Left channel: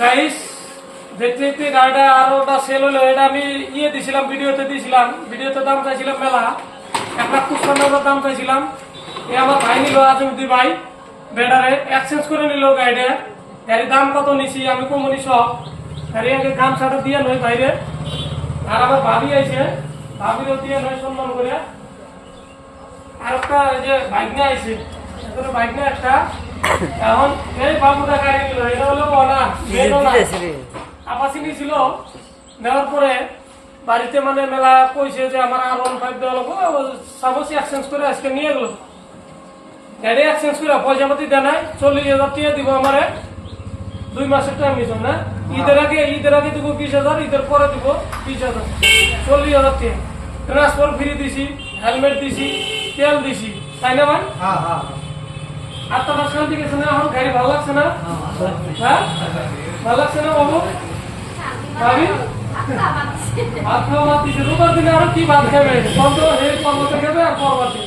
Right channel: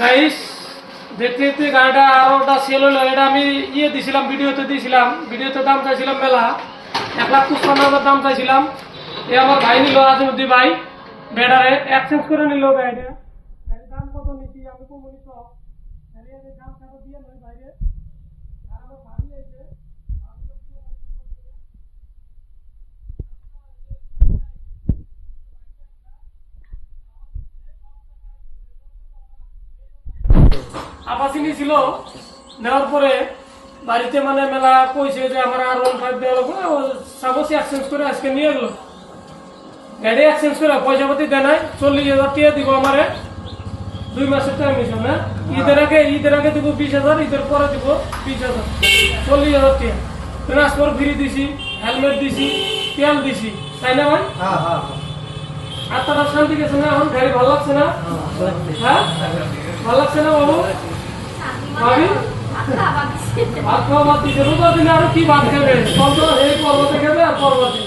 Guys দেখতে দেখতে গাড়িটা আরোটা সেল হলো। এটা আমি দিছিলাম, ভিডিওতে দাম চাইছিলাম মেলা 1,55,000 দাম চাইছিলাম। এ আমার ভাই নিল, আজমুদ্দি ভাই বেডারে এক্সচেঞ্জ করে নিল গাড়িটা। গাড়ির দাম কত নিছি আমি কমনি সব গাড়ি আগে দাম ছাড়া দিয়ে নয় বাইরে। আর আমার ভাবি আইছে, ভাবিরও দিয়ে নয় সম্মান করে। আর একটা এই যে বাইক নিয়ে আইছে, বাইক নিয়ে একটা এখন এই বাবুটা গাড়ি নিল। এটা হলো না আপাসিনি ছিল। নেওয়ার পরে বাড়িতে মানে মেলা কইছে যে আমার R15 দেওয়া লাগবে, সাপোজ এক্সচেঞ্জ করে আজকে নিয়ে গেল। গাড়ি এক্সচেঞ্জ করে পয়সা পাতি দেয় নাই, 40,000 টাকা দিব আমারে। 2 মাসের টাইম নিছো না, ঈদের আগে দিব 20,000, ঈদের পরে দিব 20,000, 40,000 টাকা। ট্রান্সফার ফ্রি দিছি, হেলমেট দিছি, তেল দিছি, তাই না ভাই? আর তারা শান্তি গেছে না? এখন গাড়ি ভালো লাগছে না? হ্যাঁ ভালো লাগছে না বাবু? ভাবি ভাত খাওয়া বাদ দিচ্ছে, রোজার দিনে আরো কি ভাত খাবে? এই পর্বতে খাবে আর পর্বতে।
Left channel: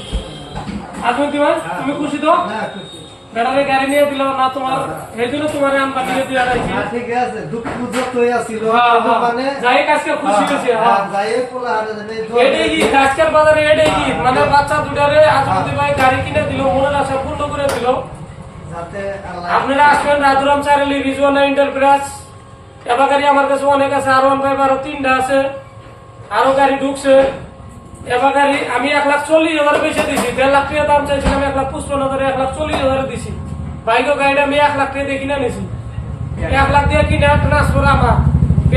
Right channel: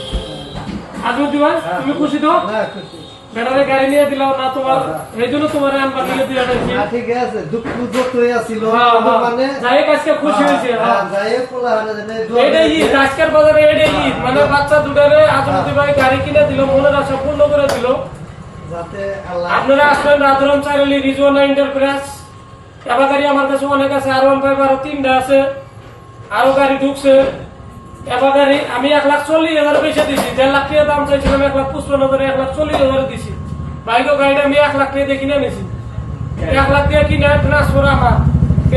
আজমুদ্দি ভাই তুমি খুশি তো? বেড়ারে গাড়ি নিয়ে দিল না তোমার, এই জন্য তোমার আমরা দিলে দিয়ে রাখছি। ঠিক আছে, দুঃখ হয়ে আসছিল মানে যাই আজকে খুশি হয়েছে। এটাই ঈদ, আজকের বাজারে এটাই ঈদ। মানে বাচ্চা দুটারে আজমুদ্দি ভাই গাড়ি কিনে দিল, মনের আশা পূর্ণ করে দিল। যাতে আপনারা আসবেন রাধুরাম চারিলি রিজওয়ানা এন্টারপ্রাইজ। এবার গাড়ি আমার কাছে অনেক আছে, R15 আরো 3টা আছে, আরো গাড়ি ঢুকছে। এবার গাড়ি আমি 1,40,000 বেশি দিছি। 1.5 লাখ টাকা দাম চাইছিলাম, 1,55,000, 1,40,000 দিছি। বাইকও গাড়িটা আমি 1 লাখ টাকা দিয়ে কিনে নিছি। 1 লাখ দিয়ে কিনে ট্রান্সফার আমার,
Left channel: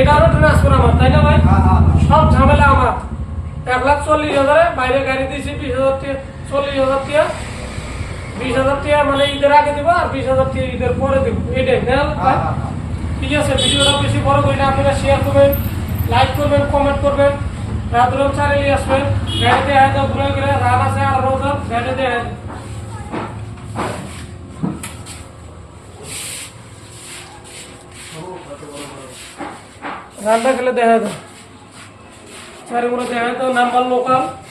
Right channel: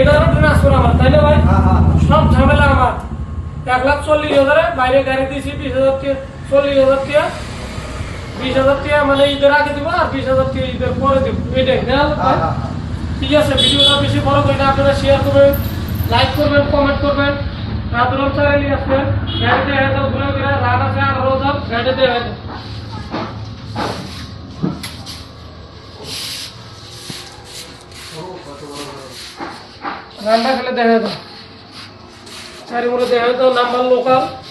এটারও ট্রান্সফার আমার, তাই না ভাই? সব ঝামেলা আমার। 1,40,000 বাইরে গাড়ি দিছি, 20,000 টাকা, 40,000 টাকা, 20,000 টাকা মানে ঈদের আগে দিব, আর 20,000 টাকা ঈদের পরে দিব। এটাই ভাই। ঠিক আছে, ভিডিওটা বেশি বড় করি না, আপনারা শেয়ার করবেন, লাইক করবেন, কমেন্ট করবেন। রাধুরাম চ্যানেলে আসবেন, গাড়িতে ঘুরে ঘুরে রান আছে আর বছর গাড়িতে রানটা ফেলে দেখা যায়, চারিমুড়ে দেখা যায় তো নাম্বার লোকাল।